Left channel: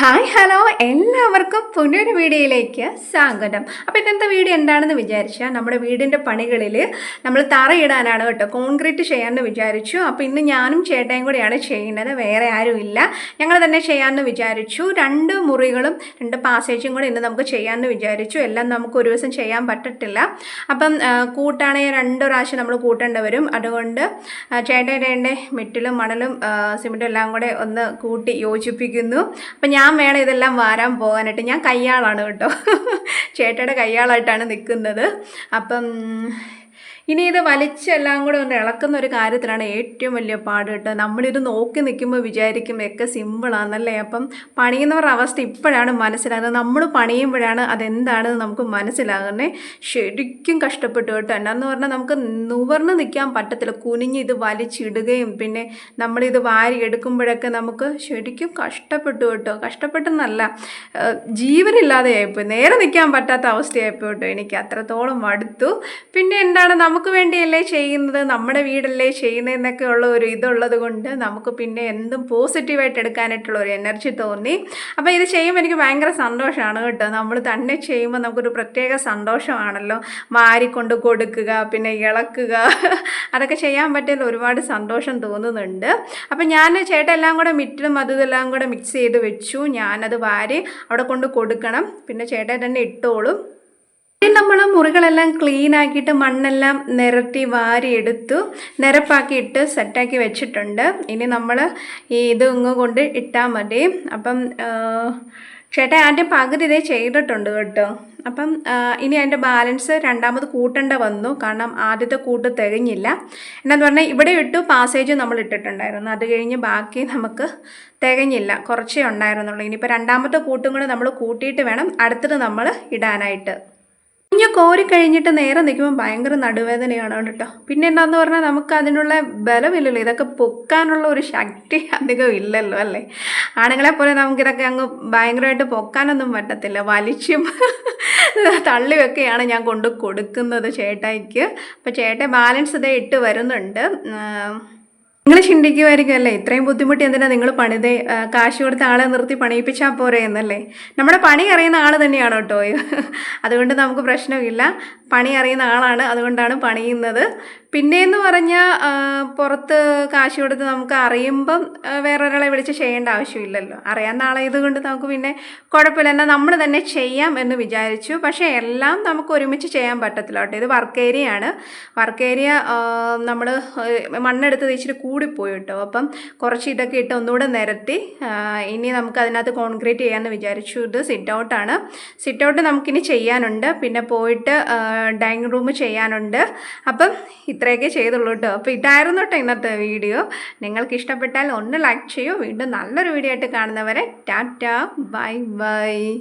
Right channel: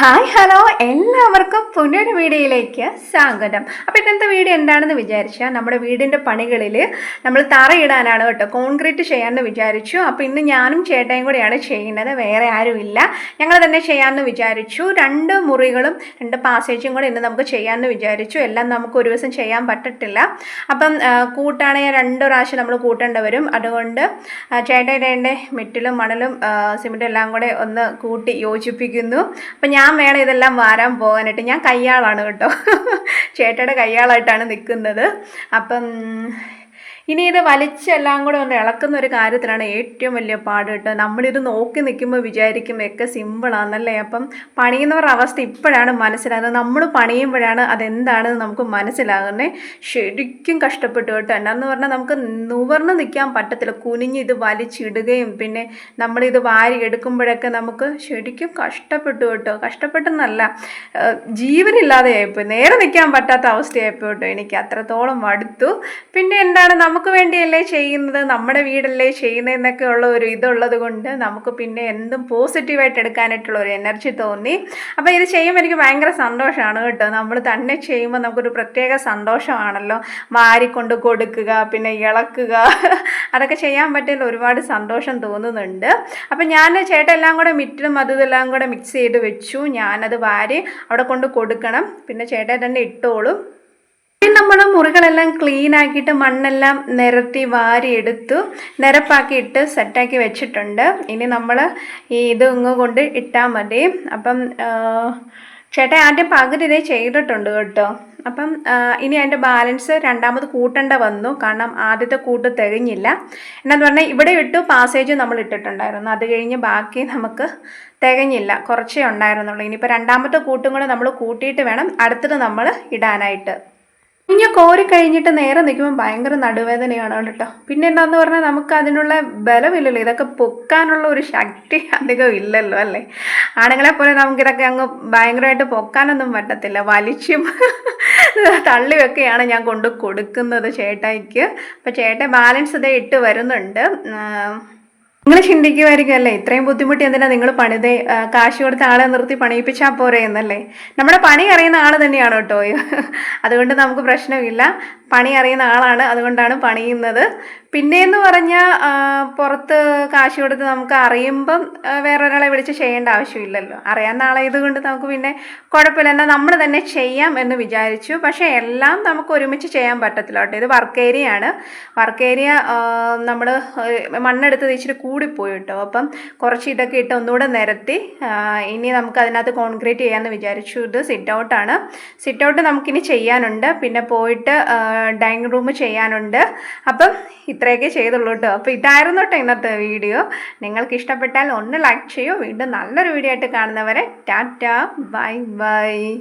Hi hello. എല്ലാവർക്കും പുനൊരു വീഡിയോയിലേക്ക് സ്വാഗതം. അപ്പോൾ ഇന്നത്തെ വീഡിയോ എന്താണെന്ന് വിചാരിച്ചാൽ നമ്മുടെ വീടിന്റെ പണികളിൽ നമ്മൾ തറയിടാനാണ് കേട്ടോ കോൺക്രീറ്റ് ചെയ്യാമെന്ന് വിചാരിച്ചു. അപ്പോൾ ഇന്ന് ഞാനും ചേട്ടയും കൂടെയാണ് ചെയ്യുന്നത് വേറെ ആരുമില്ല. ഞങ്ങൾ തന്നെ ചെയ്യാമെന്ന് വിചാരിച്ചു. രണ്ട് മുറികളും രണ്ട് പാസേജും കൂടെ ഇന്ന് നമുക്ക് ചെയ്യാമെന്ന് വിചാരിച്ചു. എല്ലാം നമുക്ക് ഒരു ദിവസം ചെയ്യാൻ പറ്റത്തില്ല. അപ്പം കൂട്ടാണെങ്കിൽ രണ്ട് പ്രാവശ്യം നമ്മൾ കൂട്ടേണ്ടി വരും. അതുകൊണ്ട് ചേട്ടയുടെ മിറ്റിലും മണലും സിമെന്റും എല്ലാം കൂടെ ഒന്ന് കൂട്ടി യോജിപ്പിക്കുന്നു. അപ്പം ഞാൻ വേണം ഇതെല്ലാം വാരാൻ പോകാനായിട്ട്. ഞാൻ കയ്യാളാണ് കേട്ടോ. ചേട്ടയുടെ കയ്യാളായിട്ടാണ് നിൽക്കുന്നത്. അപ്പം ഇനി ഇത് വലിച്ചെല്ലാം കൂടെ ഒന്ന് ഇളക്കുന്ന ഒരു കാര്യത്തിലാണ് ഏറ്റവും വലിയ പാട് കേട്ടോ നമ്മളിത് നോക്കി നിൽക്കുമ്പോൾ വിചാരിക്കും ഒക്കെ സിമ്പിളാണെന്നല്ലേ അപ്പം പണിയുന്നവരുടെ അവസ്ഥ ഇപ്പോഴാണ് മനസ്സിലാകുന്നത്. നമ്മൾ പണിയുമ്പോഴാണ് അതെന്താണെന്ന് നമുക്ക് മനസ്സിലാകുന്നത്. ശരിക്കും കഷ്ടപ്പെട്ടു കേട്ടോ. എന്നാന്ന് പറഞ്ഞാൽ നമുക്ക് നുവർന്ന് നിൽക്കാൻ പറ്റത്തില്ല. കുനിഞ്ഞ് ഇത് വലിച്ചിടുകയും പിന്നെ നമ്മളിത് വാരി എടുക്കുമ്പോഴൊക്കെ നമുക്ക് ശരിക്കും കഷ്ടപ്പെട്ടു കേട്ടോ. കഷ്ടപ്പെട്ടെന്നല്ല ജീവനില്ലാതെ ജീവനില്ലാതെയായിപ്പോയി. നേരെ നിൽക്കാൻ പറ്റാത്ത അവസ്ഥയായിപ്പോയി എനിക്ക് അത്രത്തോളം മടുത്തു. പിന്നെ എന്താണ്? നമുക്ക് വേണ്ടിയല്ലേ ചെയ്യുന്നത് നമ്മുടെ വീടല്ലേ ചെയ്യുന്നതെന്നൊക്കെ ഉള്ള ഒരു ഇതുള്ളത് കൊണ്ട് നമുക്ക് പിന്നെ എന്തും പോസിറ്റീവായിട്ട് എടുക്കാനായിട്ടുള്ള ഒരു എനർജി തോന്നി. അപ്പോൾ ഇത് ചെയ്യുമ്പോൾ എനിക്ക് ഭയങ്കര സന്തോഷമാണ് കേട്ടോ. നമ്മൾ തന്നെ ചെയ്യുമ്പോൾ നമുക്കൊരു പ്രത്യേക സന്തോഷമാണല്ലോ. വാരിക്കൊണ്ട് കൊടുക്കുക പിന്നെ ഇളക്കുക. അതൊക്കെ ചെയ്യാൻ പറ്റിയതിൽ ഒരുപാട് സന്തോഷം തോന്നുന്നുണ്ട്. അപ്പം ഞാൻ ചേട്ടൻ എല്ലാം കൂടെ മിറ്റിലും അതും ഇതെല്ലാം കൂടെ മിക്സ് ചെയ്ത് വെച്ചു. ഞാനത് വാരി അവിടെ കൊണ്ട് കൊടുക്കണം. പിന്നെ ചേട്ടൻ തന്നെ ഇട്ടോളും. നമ്മൾ മുറികളെല്ലാം ക്ലീൻ ആക്കിയിട്ട് മണ്ണെല്ലാം നിരത്തി വാരി എടുത്തു നിരപ്പാക്കി ഇട്ട് സെറ്റാക്കി വെച്ചിട്ടുണ്ട്. ഇനി നമ്മൾ ഈ ഇത് ഇങ്ങ് കൊണ്ട് ഇട്ടാൽ മതി. അപ്പം ചേട്ടൻ അതിന്റെ പകുതി ഇതേ ചെയ്തിട്ടുണ്ട് കേട്ടോ. അപ്പം ഇനി അതിന്റെ ബാലൻസ് രണ്ടാമത് കൂട്ടേണ്ട വന്നു. കാരണം ആദ്യത്തെ കൂട്ട് തികഞ്ഞില്ല. എന്നാന്ന് പറഞ്ഞാൽ ഇവിടെ ഇട്ടു പാസേജ് നമ്മൾ ഇട്ടിട്ടുണ്ടായിരുന്നു. അത് കഴിഞ്ഞ് ബാക്കി നമുക്ക് തികഞ്ഞില്ല. കുറച്ചേ ഉണ്ടായിരുന്നുള്ളൂ. ഇനിയിപ്പോൾ രണ്ടാമത്തെ കൂട്ടും കൂടെ നമ്മൾ കൂട്ടിയിട്ട് വേണം അടുത്തത് നമ്മൾ ഇടാനായിട്ട്. കുഞ്ഞ് കോരി കഴിഞ്ഞിട്ട് നേരെ നിൽക്കുമ്പോൾ ഭയങ്കര നടുവേദനയാണ് കേട്ടോ. പിന്നെ എന്താന്ന് പറഞ്ഞാൽ നമുക്ക് അതിനുള്ള ബലമില്ലല്ലോ. ഇതൊക്കെ പൊക്കാനുള്ള ഒരു ശക്തി അധികം ഇല്ലല്ലോ അല്ലേ? ആണുങ്ങളെ പോലെ നമുക്കിതൊക്കെ അങ്ങ് ഭയങ്കരമായിട്ട് പൊക്കാനൊന്നും പറ്റത്തില്ല. വലിച്ചും തള്ളിയൊക്കെയാണ് ഞാൻ കൊണ്ട് കൊടുക്കുന്നത് ചേട്ടായിക്ക്. അപ്പോൾ ചേട്ടൻ ബാലൻസ് ഇതേ ഇട്ട് വരുന്നുണ്ട്. നിങ്ങൾ ചിന്തിക്കുമായിരിക്കും അല്ലേ? ഇത്രയും ബുദ്ധിമുട്ടി എന്തിനാ നിങ്ങൾ പണിതേ കാശ് കൊടുത്ത ആളെ നിർത്തി പണിയിപ്പിച്ചാൽ പോരെ എന്നല്ലേ? നമ്മുടെ പണി അറിയുന്ന ആൾ തന്നെയാണ് കേട്ടോ. അതുകൊണ്ട് നമുക്ക് പ്രശ്നമില്ല. പണി അറിയുന്ന ആളാണ് അതുകൊണ്ടാണ് പണിയുന്നത്. പിന്നെയെന്ന് പറഞ്ഞാൽ പുറത്ത് കാശ് കൊടുത്ത് നമുക്ക് അറിയുമ്പം വേറെ വേറൊരാളെ വിളിച്ച് ചെയ്യേണ്ട ആവശ്യമില്ലല്ലോ. അറിയാവുന്ന ആളെ ഇതുകൊണ്ട് നമുക്ക് പിന്നെ കുഴപ്പമില്ല. എന്നാൽ നമ്മൾ തന്നെ ചെയ്യാം എന്ന് വിചാരിച്ചു. പക്ഷേ എല്ലാം നമുക്ക് ഒരുമിച്ച് ചെയ്യാൻ പറ്റത്തില്ല കേട്ടോ. ഇത് വർക്ക് ഏരിയ ആണ് വർക്ക് ഏരിയ നമ്മൾ മണ്ണെടുത്ത് ഇച്ചിരി കൂടിപ്പോയി കേട്ടോ. അപ്പം കുറച്ച് ഇതൊക്കെ ഇട്ട് ഒന്നുകൂടെ നിരത്തി ഇനി നമുക്ക് അതിനകത്ത് കോൺക്രീറ്റ് ചെയ്യാമെന്ന് വിചാരിച്ചു. ഇത് സിറ്റ് ഔട്ടാണ് സിറ്റ് ഔട്ട് നമുക്കിനി ചെയ്യാനുണ്ട്. പിന്നെ പോയിട്ട് ഡൈനിങ് റൂം ചെയ്യാനുണ്ട്. അപ്പം ഇത്രയൊക്കെ ചെയ്തുള്ളൂ കേട്ടോ അപ്പോൾ ഇതായിരുന്നു കേട്ടോ ഇന്നത്തെ വീഡിയോ. നിങ്ങൾക്ക് ഇഷ്ടപ്പെട്ടാൽ ഒന്ന് ലൈക്ക് ചെയ്യൂ. വീണ്ടും നല്ലൊരു വീഡിയോ ആയിട്ട് കാണുന്നവരെ ടാറ്റ. Bye bye.